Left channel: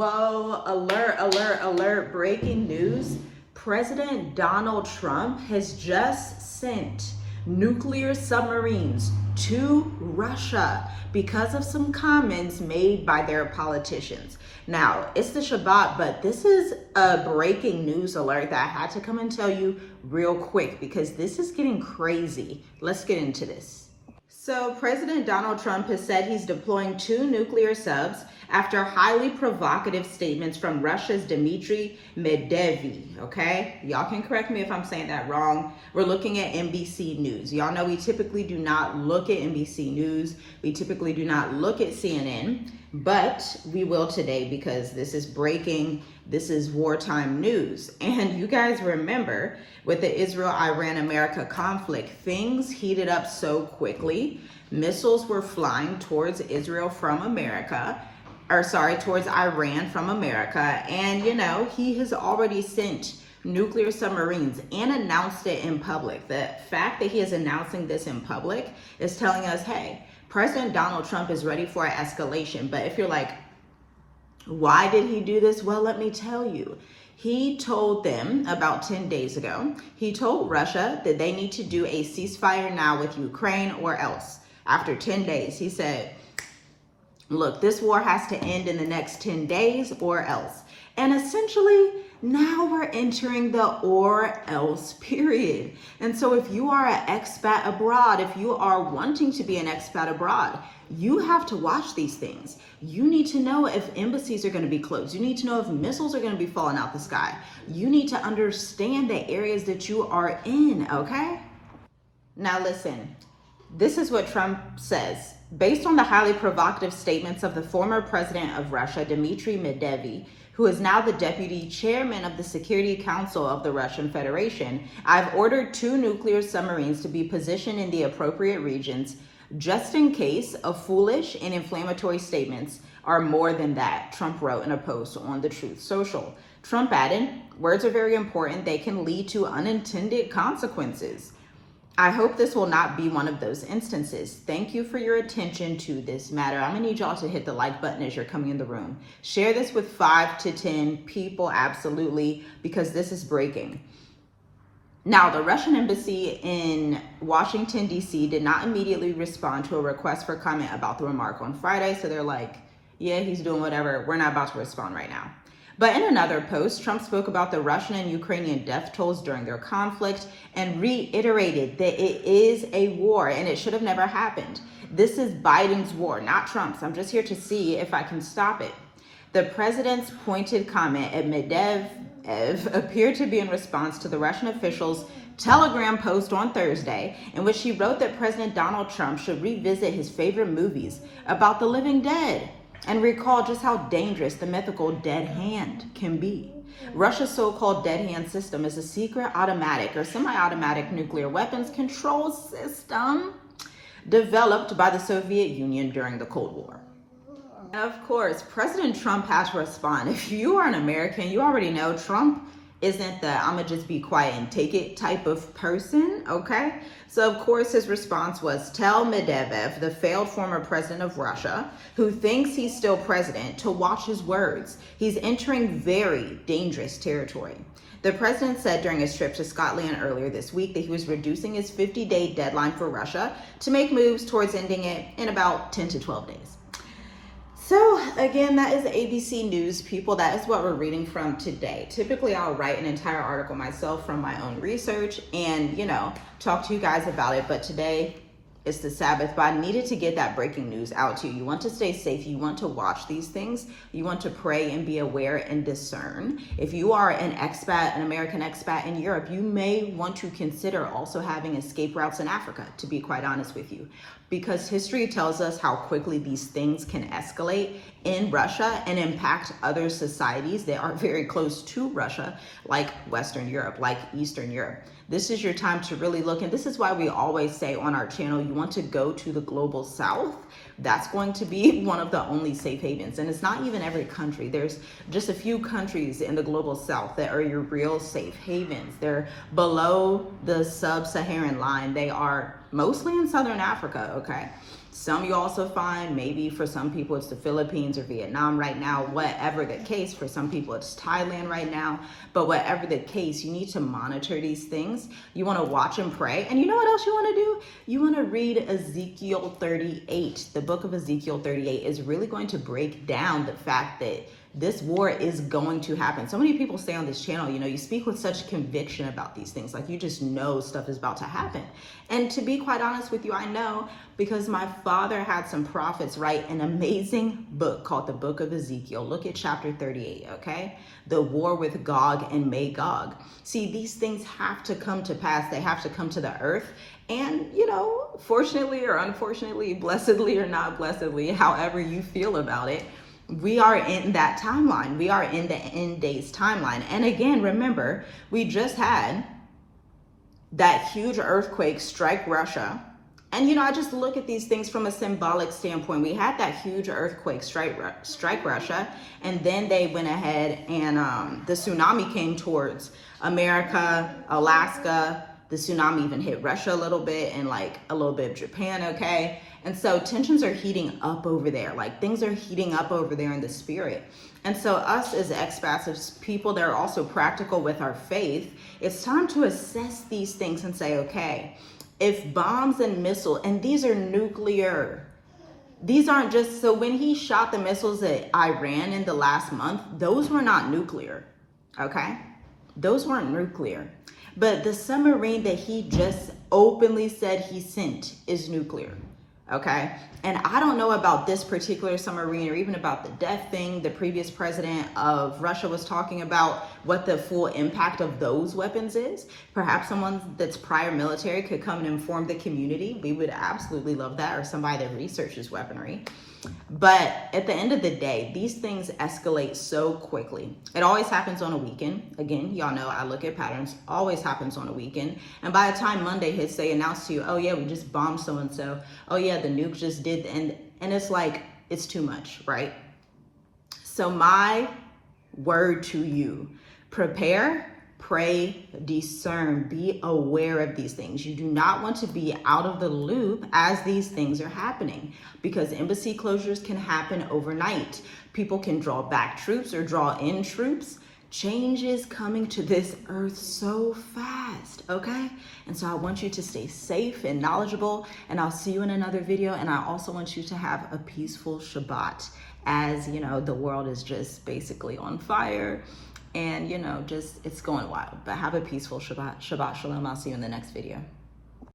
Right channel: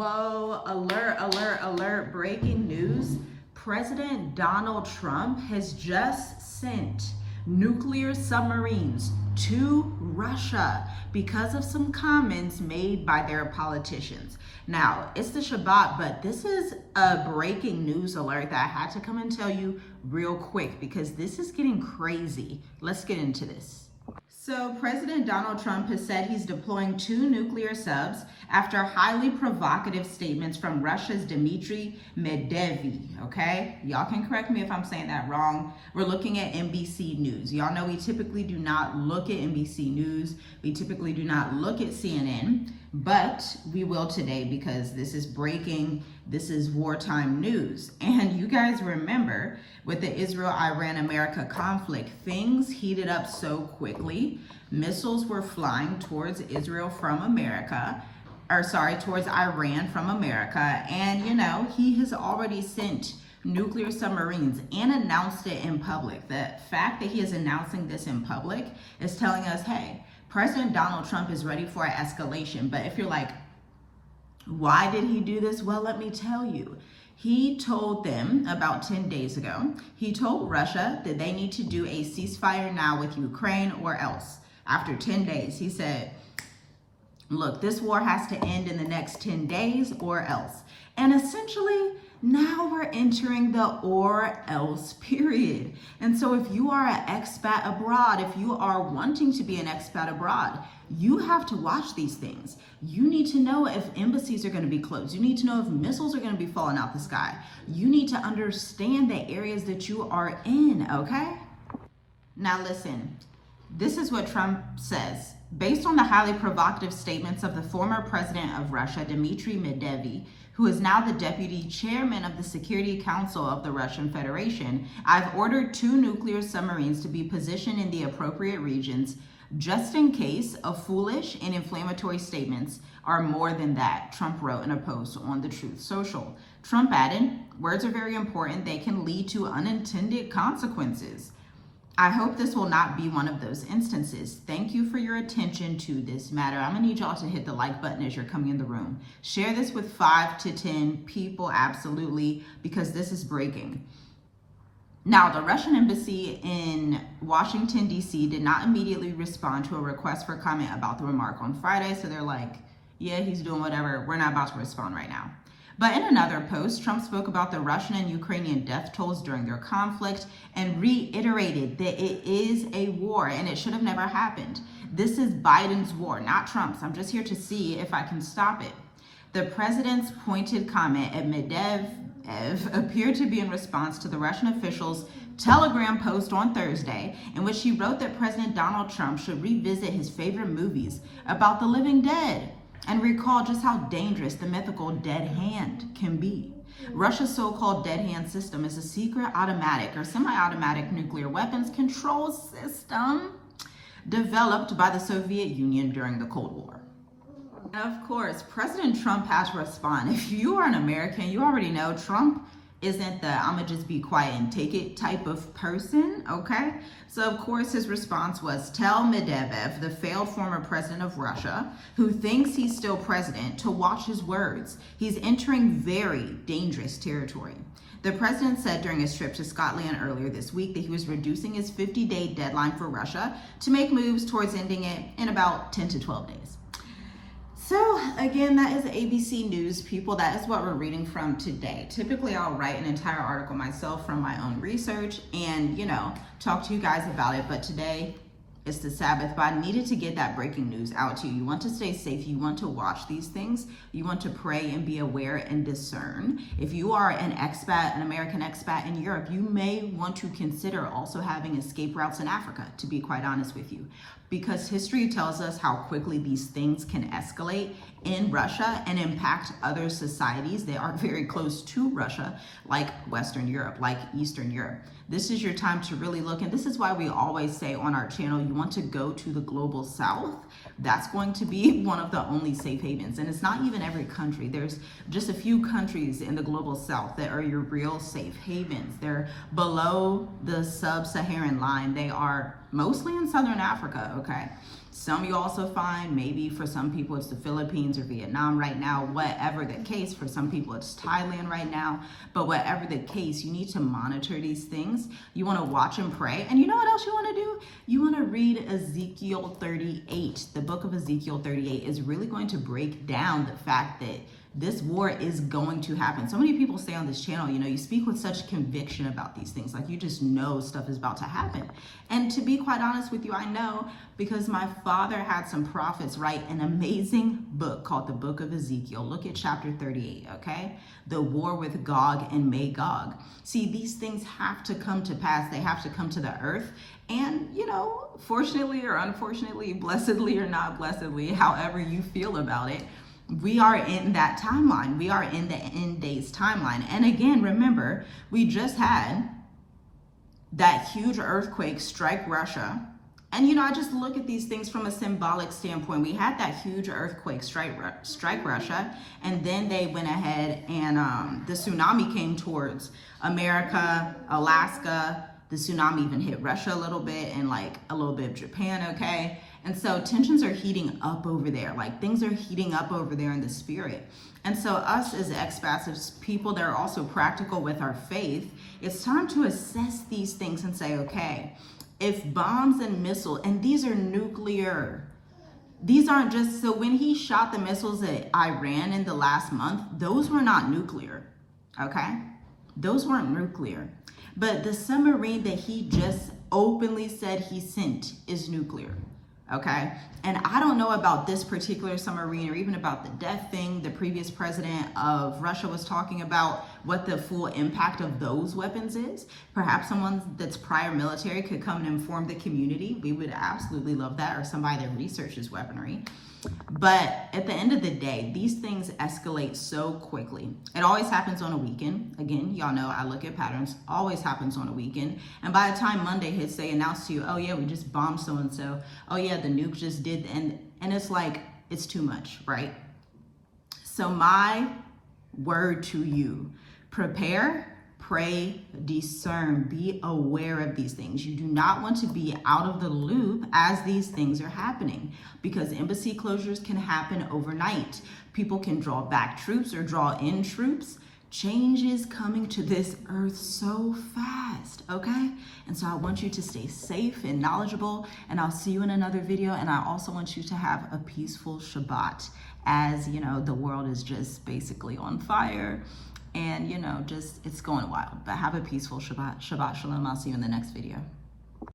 Whoa, alert, alert, alert, breaking news. President Donald Trump has just sent nuclear submarines to Russia because of some comments made by their politicians. Now, it's the Shabbat, but this is a breaking news alert that I had to come and tell you real quick because this is getting crazy. Let's get into this. So President Donald Trump has said he's deploying 2 nuclear subs after highly provocative statements from Russia's Dmitry Medvedev, okay? Y'all can correct me if I'm saying that wrong. We're looking at NBC News. Y'all know we typically do not look at NBC News. We typically do not look at CNN, but we will today because this is breaking. This is wartime news. And you guys remember with the Israel-Iran-America conflict, things heated up so quickly. Missiles were flying towards Israel from America, towards Iran from America. And, you know, he has already sent nuclear submarines and announced it in public. The fact that he is announcing this in public is telling us, hey, President Donald Trump is ready for an escalation. But if you're like, why did he do this? Well, let me tell you. He told them about 10 days ago, he told Russia that they need to do a ceasefire now with Ukraine or else. After 10 days, he said, look, this war has to end in the next 10 days or else. And essentially, now we're entering the or else period. And so if you are an expat abroad, if you are wanting to be an expat abroad, you have to watch these things. You need to know if embassies are going to be closed. You need to know if missiles are going to be falling out the sky. You need to understand the areas that you are in, okay? Now listen, this is what Trump says. Based on the highly provocative statements of the former president of Russia, Dmitry Medvedev, who is now the deputy chairman of the Security Council of the Russian Federation, I've ordered 2 nuclear submarines to be positioned in the appropriate regions just in case of foolish and inflammatory statements are more than that, Trump wrote in a post on the Truth Social. Trump added, words are very important. They can lead to unintended consequences. I hope this will not be one of those instances. Thank you for your attention to this matter. I'm gonna need y'all to hit the like button as you're coming in the room. Share this with 5 to 10 people, absolutely, because this is breaking. Now, the Russian embassy in Washington, D.C. did not immediately respond to a request for comment about the remark on Friday. So they're like, yeah, he's doing whatever. We're not about to respond right now. But in another post, Trump spoke about the Russian and Ukrainian death tolls during their conflict and reiterated that it is a war and it should have never happened. This is Biden's war, not Trump's. I'm just here to see if I can stop it. The president's pointed comment at Medvedev appeared to be in response to the Russian official's Telegram post on Thursday, in which he wrote that President Donald Trump should revisit his favorite movies about the living dead and recall just how dangerous the mythical dead hand can be. Russia's so-called dead hand system is a secret automatic or semi-automatic nuclear weapons control system developed by the Soviet Union during the Cold War. Of course, President Trump has to respond. If you are an American, you already know Trump isn't the I'ma just be quiet and take it type of person, okay? So of course his response was, tell Medvedev, the failed former president of Russia, who thinks he's still president, to watch his words. He's entering very dangerous territory. The president said during his trip to Scotland earlier this week that he was reducing his 50-day deadline for Russia to make moves towards ending it in about 10 to 12 days. So again, that is ABC News, people. That is what we're reading from today. Typically, I'll write an entire article myself from my own research and, you know, talk to you guys about it. But today it's the Sabbath, but I needed to get that breaking news out to you. You want to stay safe. You want to watch these things. You want to pray and be aware and discern. If you are an expat, an American expat in Europe, you may want to consider also having escape routes in Africa, to be quite honest with you. Because history tells us how quickly these things can escalate in Russia and impact other societies that are very close to Russia, like Western Europe, like Eastern Europe. This is your time to really look, and this is why we always say on our channel, you want to go to the global south. That's going to be one of the only safe havens. And it's not even every country. There's just a few countries in the global south that are your real safe havens. They're below the sub-Saharan line. They are mostly in Southern Africa, okay? Some you also find, maybe for some people it's the Philippines or Vietnam right now, whatever the case. For some people it's Thailand right now, but whatever the case, you need to monitor these things. You want to watch and pray. And you know what else you want to do? You want to read Ezekiel 38. The book of Ezekiel 38 is really going to break down the fact that this war is going to happen. So many people say on this channel, you know, you speak with such conviction about these things. Like, you just know stuff is about to happen. And to be quite honest with you, I know because my father had some prophets write an amazing book called the Book of Ezekiel. Look at chapter 38, okay? The war with Gog and Magog. See, these things have to come to pass. They have to come to the earth. And, you know, fortunately or unfortunately, blessedly or not blessedly, however you feel about it, we are in that timeline. We are in the end days timeline. And again, remember, we just had that huge earthquake strike Russia. And, you know, I just look at these things from a symbolic standpoint. We had that huge earthquake strike Russia, and then they went ahead and the tsunami came towards America, Alaska. The tsunami even hit Russia a little bit, and like a little bit of Japan, okay? And so tensions are heating up over there. Like, things are heating up over there in the spirit. And so us as expats, as people that are also practical with our faith, it's time to assess these things and say, okay, if bombs and missiles, and these are nuclear, these aren't just, so when he shot the missiles at Iran in the last month, those were not nuclear, okay? Those weren't nuclear. But the submarine that he just openly said he sent is nuclear. Okay. And I don't know about this particular submarine or even about the death thing. The previous president of Russia was talking about what the full impact of those weapons is. Perhaps someone that's prior military could come and inform the community. We would absolutely love that, or somebody that researches weaponry. But at the end of the day, these things escalate so quickly. It always happens on a weekend. Again, y'all know I look at patterns. Always happens on a weekend. And by the time Monday hits, they announce to you, oh yeah, we just bombed so-and-so. Oh yeah, the nuke just did. And it's like, it's too much, right? So my word to you, prepare, pray, discern, be aware of these things. You do not want to be out of the loop as these things are happening, because embassy closures can happen overnight. People can draw back troops or draw in troops. Change is coming to this earth so fast, okay? And so I want you to stay safe and knowledgeable, and I'll see you in another video. And I also want you to have a peaceful Shabbat, as you know, the world is just basically on fire. And, you know, just, it's going wild. But have a peaceful Shabbat. Shabbat Shalom. I'll see you in the next video.